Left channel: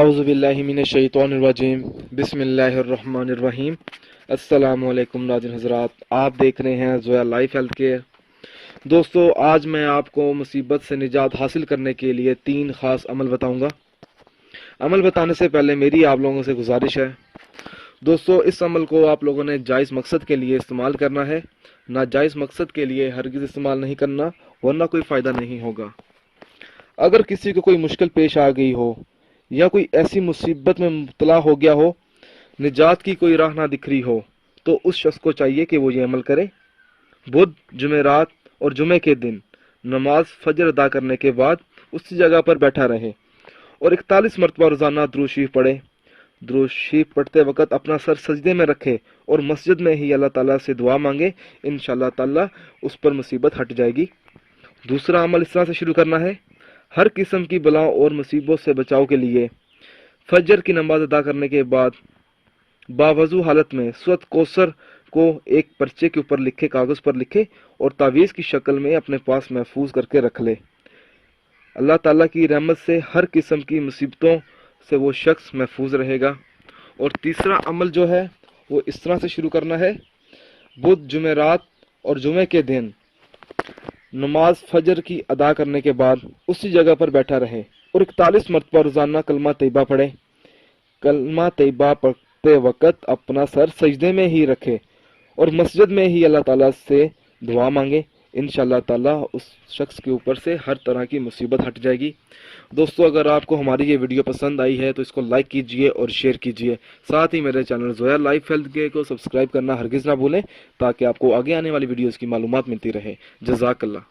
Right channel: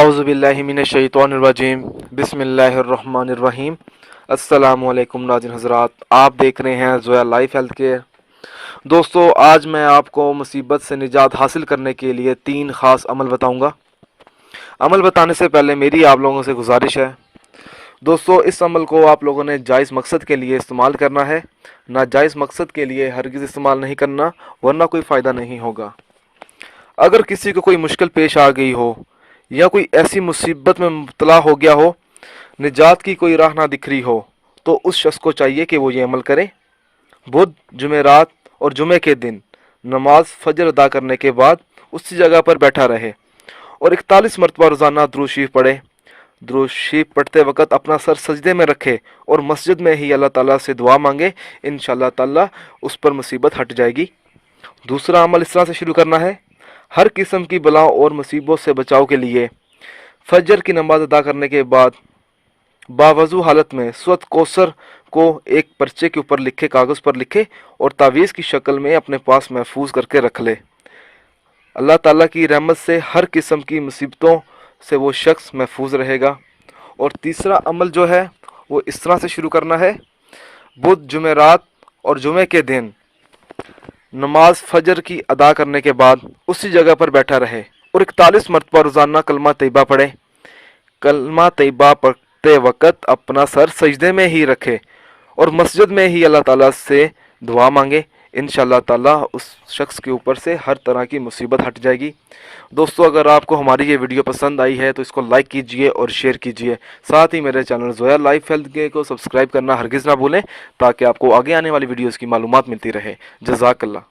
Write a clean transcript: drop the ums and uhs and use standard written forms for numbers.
आउज़ुबिल्लाहि मिनश्शैतानिर्रजीम बिस्मिल्लाहिर्रहमानिर्रहीम। अस्सलामुअलैकुम नाज़रीन हज़रात, आप देख रहे हैं ज़ोया लाइफ हेल्थ केयर। दोस्तों, आज मैं आपको मुसीबत से निजात हासिल करने के लिए 3 ख़ास अमल बताऊंगा। अमल बताने से पहले मेरी आप लोगों से गुजारिश है दोस्तों, इस अमल को आप लोगों ने जायज़ मकसद के लिए इस्तेमाल करना है, नाजायज़ मकसद के लिए हरगिज़ इस्तेमाल नहीं करना, वरना कोई फ़ायदा नहीं होगा। अगर किसी को कोई मुश्किल पेश आ गई हो या कोई ऐसी मुसीबत में मुब्तला हो गया हो, निजात की कोई राह ना दिख रही हो, तो उस शख्स को चाहिए कि वो ये अमल करे। बुध, जुमेरात और जुमे के दिन नमाज फजर अदा करने के बाद उसी जगह पर बैठा रहे और 41 मरतबा रोज़ाना दुरूद शरीफ पढ़े। दुरूद शरीफ पढ़ते वक्त अपना सर सजदे में रखे और मस्जिद में ही अल्लाह ताला से दुआ मांगे। इंशाअल्लाह ताला उस पर मुसीबत हट जाएगी। दूसरा अमल इस तरह से शुरू करना है। हर किस्म की बलाओं और मुसीबतों से बचाव के लिए फजर की नमाज अदा करने के बाद बावजू हालत में सूरत कौसर को एक पर्चे के ऊपर लिखे कागज़ पर लिखे और तावीज़ की शक्ल में अपने पास महफूज करके रख ले। अल्लाह ताला की रहमत से हर किस्म की मुसीबतों से वो शख्स महफूज रहेगा। और तीसरा अमल जो है वो इस तरह से शुरू करना है। बुध, जुमेरात और जुमे के दिन नमाज फजर की अदा करने के बाद उसी जगह पर बैठा रहे और 41 मरतबा रोज़ाना कलमा तैयबा पढ़े। कलमा तैयबा पढ़ते वक्त अपना सर सजदे में ही रखे और मस्जिद में ही अल्लाह ताला से दुआ मांगे। इंशाअल्लाह ताला उस शख्स के ऊपर से हर तरह की मुसीबत हट जाएगी। दोस्तों, अगर आपको हमारी ये वीडियो पसंद आई है तो इसको लाइक कीजिए और शेयर कीजिए। साथ ही मेरे channel Zoya life health care को सब्सक्राइब करना हरगिज़ ना भूलें, ताकि आपको आगे आने वाली वीडियोज़ की मालूमात मिलती रहे। जज़ाकल्लाह।